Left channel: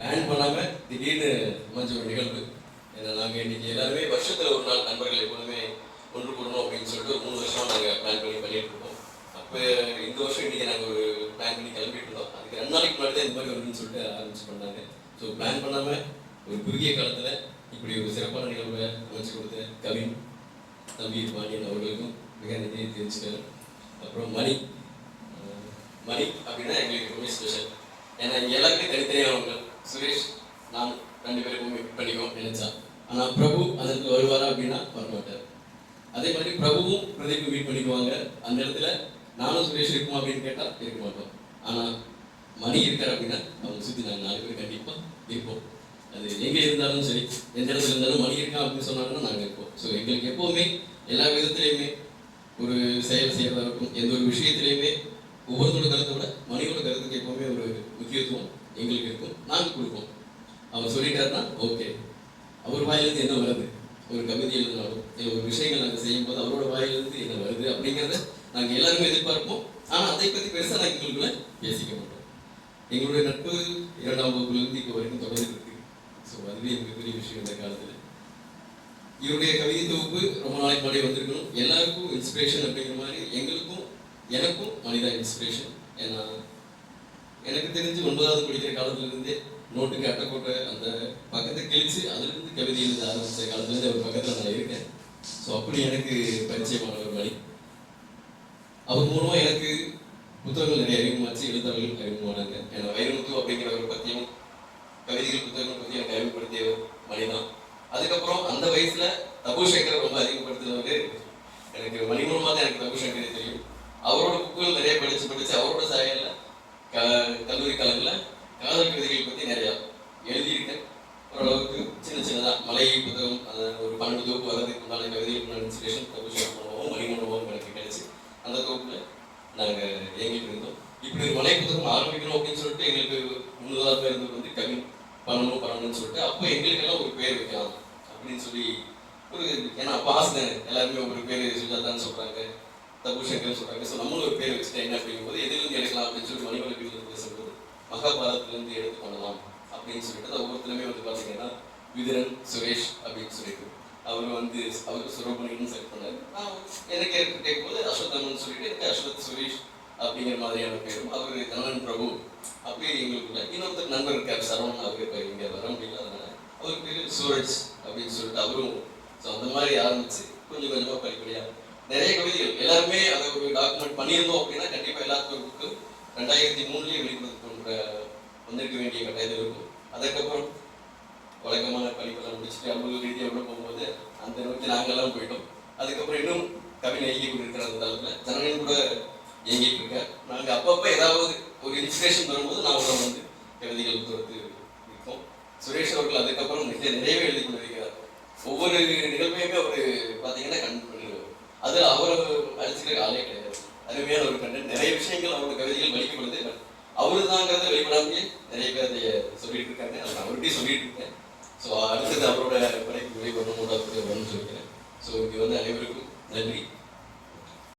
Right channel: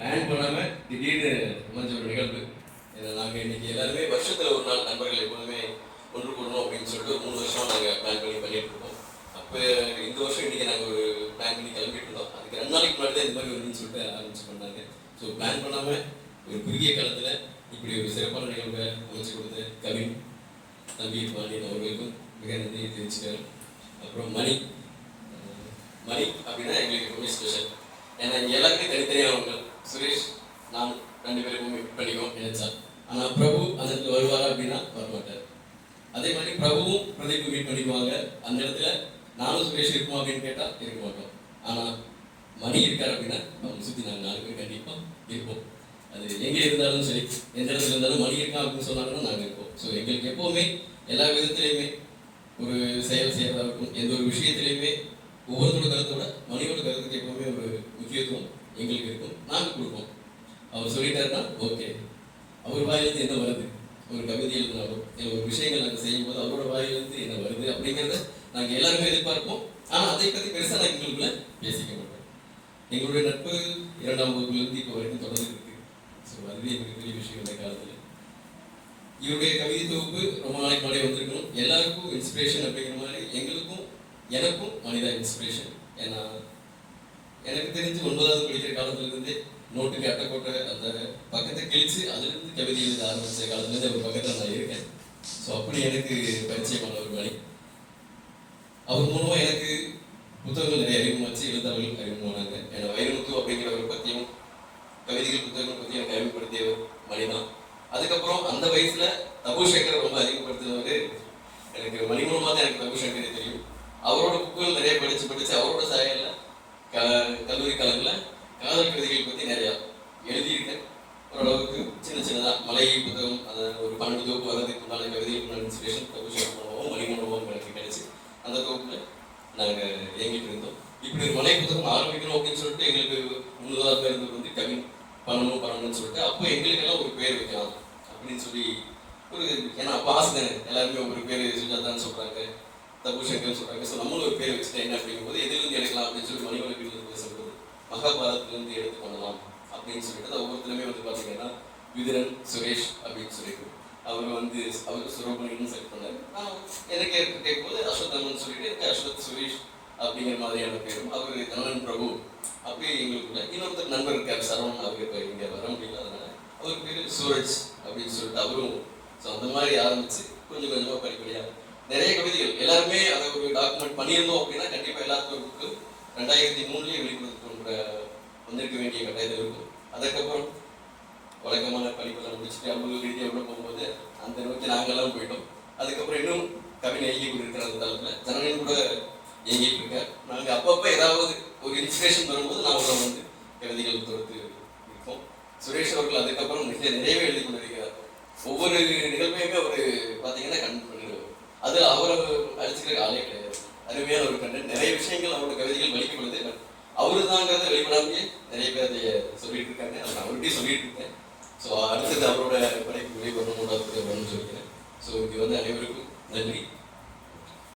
Plan பண்ணாமல் திடீர்னு அமைஞ்ச ஒரு நிகழ்வு. ஏன்னா நாங்கள் இன்னைக்கு எல்லாருமே வருஷத்தில் ஒரு நாள் நண்பர்கள் எப்போதுமே ஒன்று கூடணும் அப்படின்னு சொல்லிட்டு மூணு வருஷம் நாங்கள் பிளான் பண்ணி பண்ணிட்டு இருக்கோம். அப்போ இந்த வருஷம் இன்னைக்கு நாங்கள் ஒரு பிளான் பண்ணி கிளம்பிட்டு இருந்தோம். அதுக்கு ரெண்டு நாளைக்கு முன்னாடி தான் இந்த மாதிரி வருதுன்னு சொல்லிட்டு ஆரம்பிச்சு பண்ணாங்க. ஸோ பிளான் பண்ணாமல் ஒரு குறுகிய காலத்தில் இப்படி ஒரு சிறப்பான நிகழ்வை அமைச்சு கொடுத்த கவின் தம்பி பாண்டியன் அவர்களுக்கும் மிக நன்றி தெரிவிச்சுக்கிறேன். அப்புறம் மணி. மணி அப்படின்னா எங்களுக்கு ரொம்ப ஸ்பெஷல் ஏன்னா இங்க எல்லாருமே தனித்தனியானவங்க சுரேஷ் நான் ரெண்டு பேரும் மீட் பண்ணிக்குவோம் நினைச்சா ஆனா பிரபு அந்த வருவாரா அப்படின்னா வரமாட்டார் அதே மாதிரி பிரபுவும் பிரதீப் மீட் பண்ணிக்குவாங்க. அந்த இடத்துல நானும் சுரேஷ் இருக்குமா அப்படின்னு கேட்டா இருக்க மாட்டோம். ஆனா மணி இருக்கார் அப்படின்னா நம்ம சுத்தி நாங்கள் நாலு பேர் கண்டிப்பா இருப்போம். அது எங்கே இருந்தாலும் சரி எந்த இடத்துல இருந்தாலும் மணி இருக்கான் அப்படின்னு சொன்னாங்கன்னா நாங்கள் இருப்போம். ஸோ எங்களுக்கு எப்போவுமே எல்லா விதத்துலையுமே ஒரு செயல் செய்யறதா இருக்கும் எந்த ஒரு விஷயத்திலையுமே ஒவ்வொருத்தரோட கருத்தை விட மணியோட கருத்துக்கு எப்பவுமே ஒரு முக்கியத்துவம் எங்களுக்கு இருக்கும் நாங்கள் கொடுப்போம் அவர் ஓகே. அவர் வாயிலிருந்து என்ன வருது? ஒரு கவிதை எழுதினாலும் இல்லை ஒரு விஷயங்கள் நாங்கள் செய்யும்போது அவரோட வாயிலிருந்து என்ன வருது அப்படிங்கிறத நாங்கள் எல்லாருமே எதிர்பார்ப்போம். ஆனால் அதை பற்றி பெருசாக நாங்கள் எங்களுக்குள்ள பேசிக்க மாட்டோம். எங்களுடைய நட்பு இரண்டாம் வகுப்புலேருந்து இப்போ வரைக்கும் தொடர்ந்துட்டு இருக்கு. ஸோ அதுவே எங்களுக்கு பெரிய விஷயம் இந்த காலத்தில். இவருடைய கவிதை தொகுப்பு ரொம்ப நாளைக்கு முன்னாடி வந்திருக்கணும். எல்லாருக்கும் இன்ஸ்பிரேஷன் அப்படிங்கிற மாதிரி எங்களுக்கும் எனக்கும் மனிதா இன்ஸ்பிரேஷன் ஏன்னா எனக்கு தெரிஞ்சு ஒன்பதாவது படிக்கிற காலத்துல இருந்தே நோட்டுக்கு அட்டைக்கோட்டை அந்த பக்கத்தை கிழிச்சு அதுலேருந்து கவிதை எழுத ஆரம்பிச்ச காலத்துலேருந்து அவர் பக்கத்தில் நான் இருக்கேன். ஸோ அப்படி எனக்கு பரிச்சயமான ஒரு வழி. அவர் மூலமா எனக்கு புத்தகங்கள் நிறைய அறிமுகமாச்சு எழுத்தாளர்கள் அறிமுகமானாங்க ஏன்னா வைரமுத்து அப்படிங்கிறவரை பற்றியும் கவிதைகள் புத்தகங்கள் பற்றி எனக்கு அறிமுகப்படுத்தியவர் மணிதான் அதுக்கப்புறம் அந்த வயசுல தபு சங்கர் ரொம்ப அதிகப்படுத்தினவர் எனக்கு மணிமூலமாக தான் எனக்கு தபு சங்கரே தெரியும். அவரோட புக்குகள் நிறைய படிச்சு படிச்சு அவரோட கல்லூரி காலங்களில் காதல் கவிதைகள் பற்றி நிறையா எழுதியிருக்கேன். ஓரளவுக்கு சின்ன சின்னதாக மலை புத்தகம் அது ஒரு பன்னெண்டு தொகுப்பு வரதுக்கு உண்டான கவிதைகள் இன்ஸ்பிரேஷன் தபு சங்கர் மூலமாகவும் எனக்கு கிடைச்சி. அந்த தொகுப்பில் நாங்கள் இயங்கிட்டு இருந்தோம் இப்படி ஒரு மலை புத்தகம் ஆரம்பிக்கணும் அப்படின்னு சொல்லிட்டு எங்களுக்கு முன்னதாக இருந்தது வந்து கவின். பண்ணணும் பண்ணணும்னு சொல்லிட்டு அப்போ எங்களுக்கெல்லாம் ஒரு பேர் வைக்கலாம் அப்படின்னு சொல்லி ஒரு ஏன்னா அப்போ ஆசை எல்லாருமே ஒரு பேர் சுஜாதான்னு சொல்கிறாங்க தபு சங்கர்னு சொல்றாங்க. ஸோ நம்மளும் ஒரு பேர் வச்சுட்டா என்ன அப்படிங்கும்போது எதிலிருந்து எடுக்கலாம் அப்படின்னு சொல்லி மணிமலை வீட்டில் பேசும்போது மகாபாரதத்திலிருந்து எடுத்து பண்ணலாம் அப்படின்னு சொல்லிட்டு ஒவ்வொருத்தருமே வந்து பார்த்தீங்கன்னா விதுரன் சுரேஷ் அப்படின்னு சொல்லிட்டு. அவர் வந்து அவருக்கு சுரோபணின்னு செலக்ட் பண்ணாரு. நான் எனக்கு கேட்கும்போது அஸ்வத்தமன் சொல்லிட்டு எனக்கு அஸ்வத் சுரேஷ் அப்படிங்கிற மாதிரியான பேரும் அவர் கண்ணன் பிரபு அப்படி எங்களுக்கு இன்னொருத்தர் நண்பர் இருக்கார் சரவணன் அவருக்கு இப்போ இங்கே வர முடியல அதனால. அவர் பேர் சூரஜ் அப்படின்னு சொல்லிட்டு அவரும் ஸோ அந்த மாதிரி ஆரம்பிச்சு கொஞ்சம் கொஞ்சமாக படிப்படியாக நிறைய கவிதைகள். எல்லாருமே அதை ஒரு டாக்குமெண்ட் பண்ணியிருந்தோம் அப்படின்னா கண்டிப்பாக எல்லாத்துக்கும் புக்கு ரெண்டாயிரத்தி மூணுலேயே வெளிப்படுத்த வந்திருக்க வேண்டிய கட்டாயத்தில் இருக்கும். அதுக்கப்புறம் வழக்கமான படிப்பெல்லாம் முடிச்சுட்டு அலுவலக ரீதியாக உள்ள போகும்போது அந்த நோக்கி நாங்கெல்லாம் போயிட்டோம். அதுக்கப்புறம் இன்னும் கவிதை இயங்கி கொண்டிருக்கிற அந்த தளத்தில் ஜனனின் கூட இயங்கிட்டு இருக்கேன் நாங்கள் அப்பப்போ ஏதாவது ஒரு இன்ஸ்பிரேஷன் வரும்போது நாங்களும் வந்து கவிதைகள் கொடுத்து இருக்கோம் சுரேஷ் அவர்கள் அதுக்கப்புறம் நிறைய நிறையவே எழுதி கொண்டிருக்கிறார் ஒவ்வொரு நிகழ்வையுமே அவர் பார்த்தீங்கன்னா கண்டு பண்ணுவார் அதில் அவரை அழிச்சுக்கிற ஆளே கிடையாது. அருமையான ஒரு கண்டு நிறைய விஷயங்கள் அவரோட கவிதைகள் வெளிக்கப்படுது அவரு தாங்கிறத வெளிப்படாமே நிறைய பேர் அதை சொல்லிட்டு இருக்காங்க. நான் அவர்கிட்டயும் சொல்லிட்டு இருக்கேன். ஸோ அடுத்தது அவரோட படைப்பு வெளிவரணும் கூடாது வரணும்னு சொல்லிக்கிறேன். ஸோ இது வந்து அனைவருக்கும் நன்றி.